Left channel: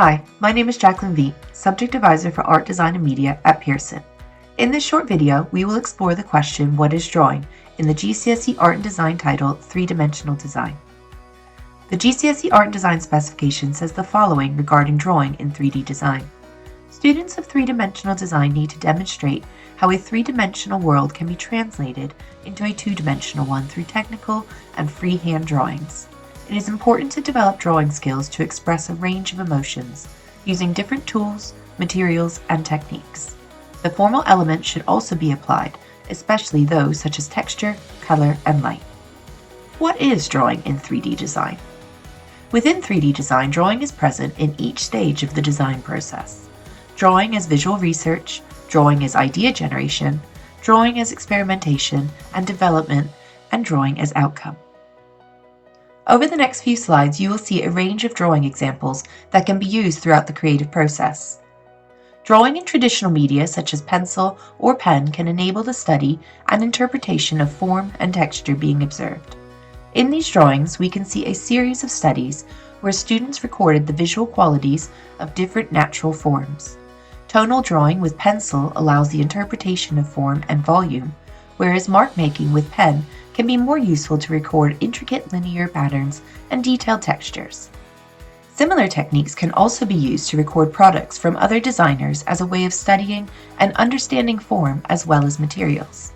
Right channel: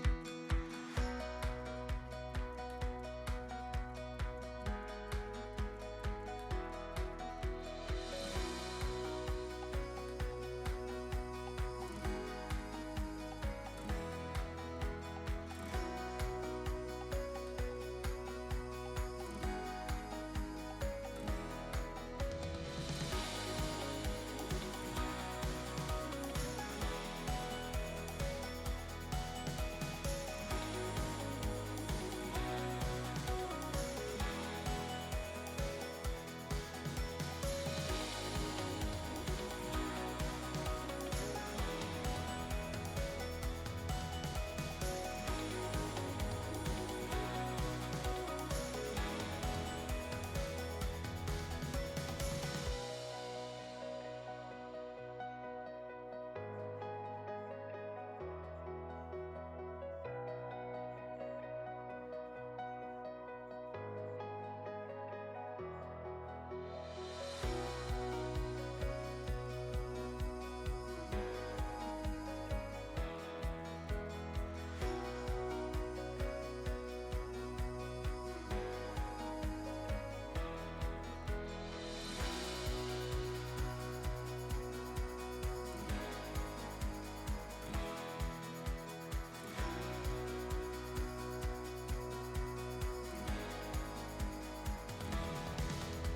Hi, my name is Jacqueline Veet, Subject Advisor for Art, Design, and Media at Pearson. In this short video, we will explore the question, what is drawing, in the GCSE Art and Design title, Three-Dimensional Design. The GCSE Art and Design specification says the following regarding drawing in 3D design. Students of three-dimensional design need to demonstrate how a three-dimensional world can be translated into a two-dimensional one through technical and freehand drawings. It is important to develop drawing skills to express a range of emotions, using different tools, materials, and techniques. The formal elements should also be applied, especially those such as texture, color, and light. What is drawing in 3D design? Within 3D design, drawing is present in each stage of the design process. Drawing is visual research, drawing is idea generation, drawing is experimentation and development, and drawing as outcome. Over the next few slides, you will see a range of drawing examples that can be used throughout the creative process. Drawing in traditional media such as pencil or pen can enable the study and interpretation of form and texture being observed. In these drawings, we can see a series of studies where students recorded the visual qualities of different natural forms. Tonal drawing with pencil allows the interpretation of form and volume, whereas mark making with pen can be more useful to record intricate linear patterns and detailed textures. Similar techniques can also be used to record products from other designers as a way of studying and understanding form as well as materials.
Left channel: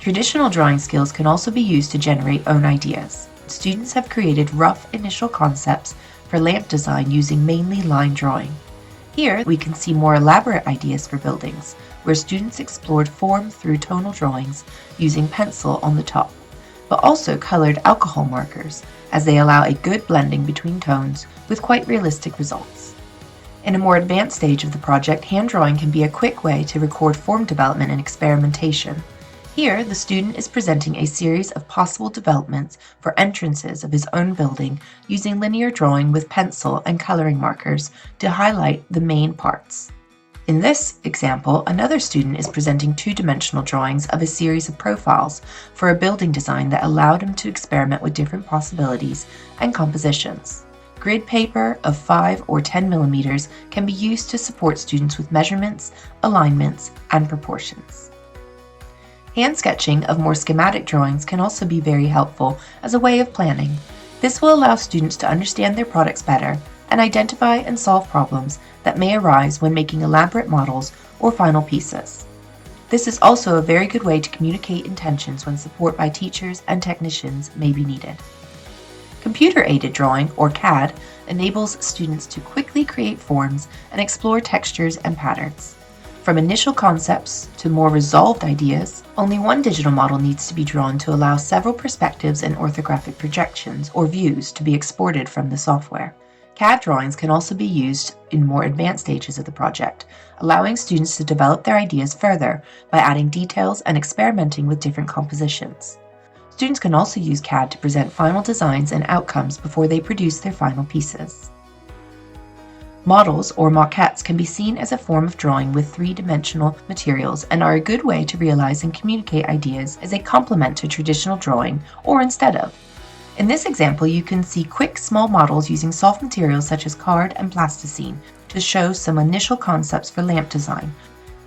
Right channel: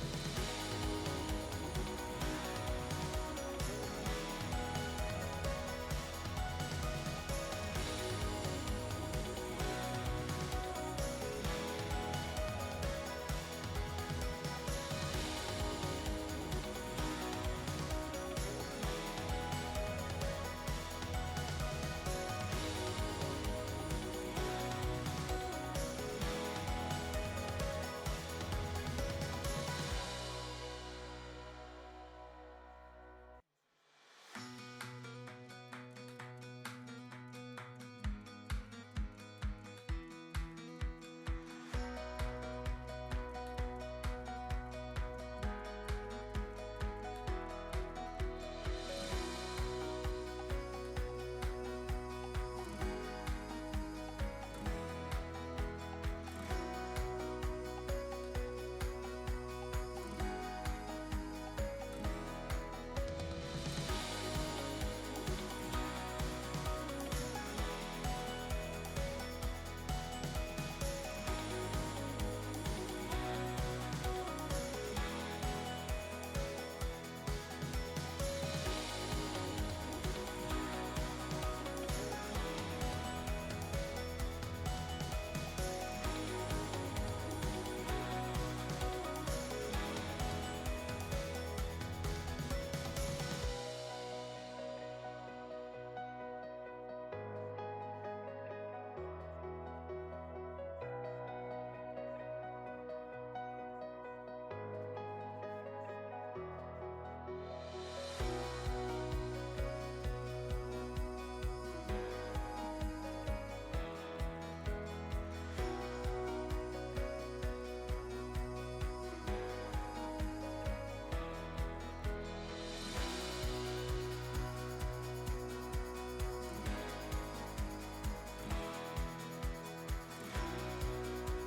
Traditional drawing skills can also be used to generate own ideas. Students have created rough initial concepts for lamp design using mainly line drawing. Here we can see more elaborate ideas for buildings, where students explored form through tonal drawings using pencil on the top, but also colored alcohol markers, as they allow a good blending between tones with quite realistic results. In a more advanced stage of the project, hand drawing can be a quick way to record form development and experimentation. Here, the student is presenting a series of possible developments for entrances of his own building using linear drawing with pencil and coloring markers to highlight the main parts. In this example, another student is presenting two-dimensional drawings of a series of profiles for a building design that allowed him to experiment with different possibilities and compositions. Grid paper of 5 or 10 millimeters can be used to support students with measurements, alignments, and proportions. Hand sketching of more schematic drawings can also be very helpful as a way of planning. This will allow students to understand their products better and identify and solve problems that may arise when making elaborate models or final pieces. This is also a very good way to communicate intentions when support by teachers and technicians may be needed. Computer-aided drawing, or CAD, enables students to quickly create forms and explore textures and patterns. From initial concepts to more resolved ideas, only one digital model needs to be drawn to allow several perspectives and orthographic projections or views to be exported from the software. CAD drawings can also be used in more advanced stages of the project, allowing students to develop their ideas further by adding details and experimenting with different compositions. Students can also use CAD to present final designs and outcomes before they produce their final pieces. Models or maquettes can be seen as a form of drawing with three-dimensional materials and are a good way to realize and communicate ideas as a complement to traditional drawing or instead of. In this example, you can see quick, small models using soft materials such as card and plasticine to show some initial concepts for lamp design.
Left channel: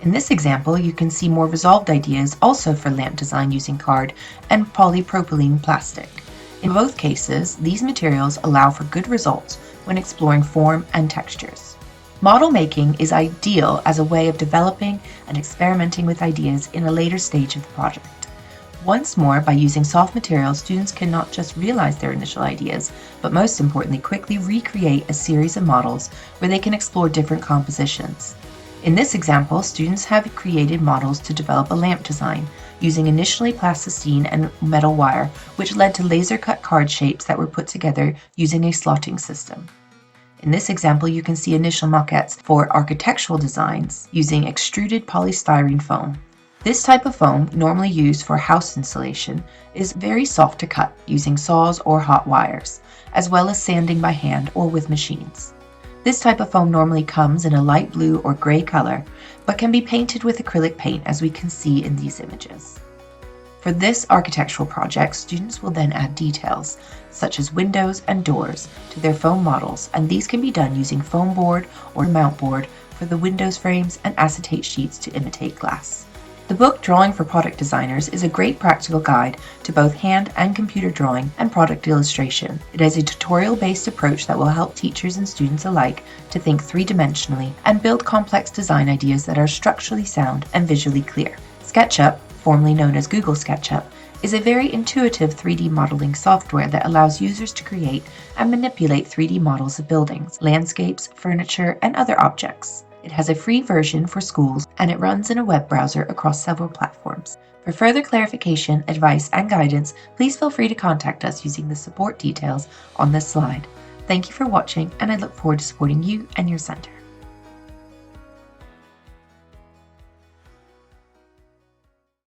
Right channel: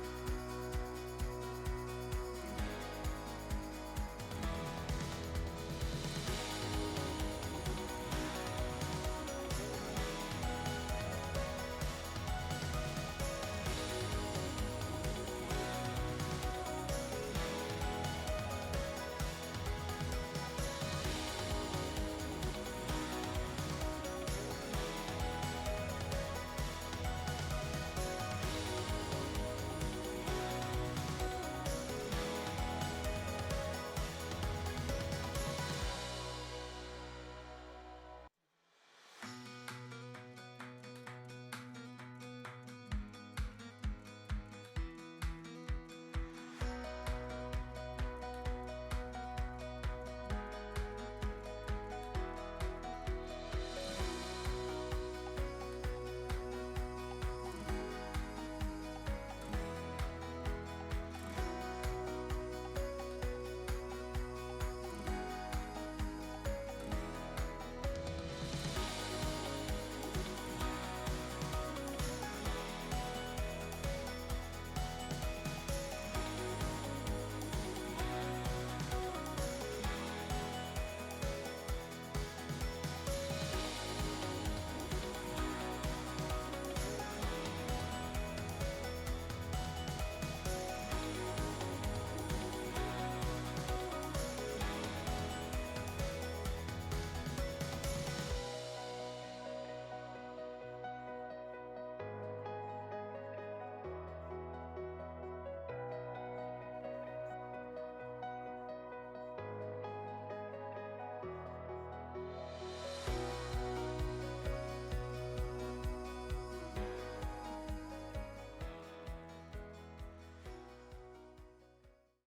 In this example, you can see more resolved ideas also for lamp design using card and polypropylene plastic. In both cases, these materials allow for good results when exploring form and textures. Model making is ideal as a way of developing and experimenting with ideas in a later stage of the project. Once more, by using soft materials, students can not just realize their initial ideas, but most importantly, quickly recreate a series of models where they can explore different compositions. In this example, students have created models to develop a lamp design, using initially plasticine and metal wire, which led to laser-cut card shapes that were put together using a slotting system. In this example, you can see initial maquettes for architectural designs using extruded polystyrene foam. This type of foam, normally used for house insulation, is very soft to cut using saws or hot wires, as well as sanding by hand or with machines. This type of foam normally comes in a light blue or gray color, but can be painted with acrylic paint as we can see in these images. For this architectural project, students will then add details, such as windows and doors, to their foam models, and these can be done using foam board or mount board for the windows frames and acetate sheets to imitate glass. The book Drawing for Product Designers is a great practical guide to both hand and computer drawing and product illustration. It has a tutorial-based approach that will help teachers and students alike to think three-dimensionally and build complex design ideas that are structurally sound and visually clear. SketchUp, formerly known as Google SketchUp, is a very intuitive 3D modeling software that allows users to create and manipulate 3D models of buildings, landscapes, furniture, and other objects. It has a free version for schools, and it runs in a web browser across several platforms. For further clarification, advice, and guidance, please feel free to contact us using the support details on this slide. Thank you for watching, and I look forward to supporting you and your center.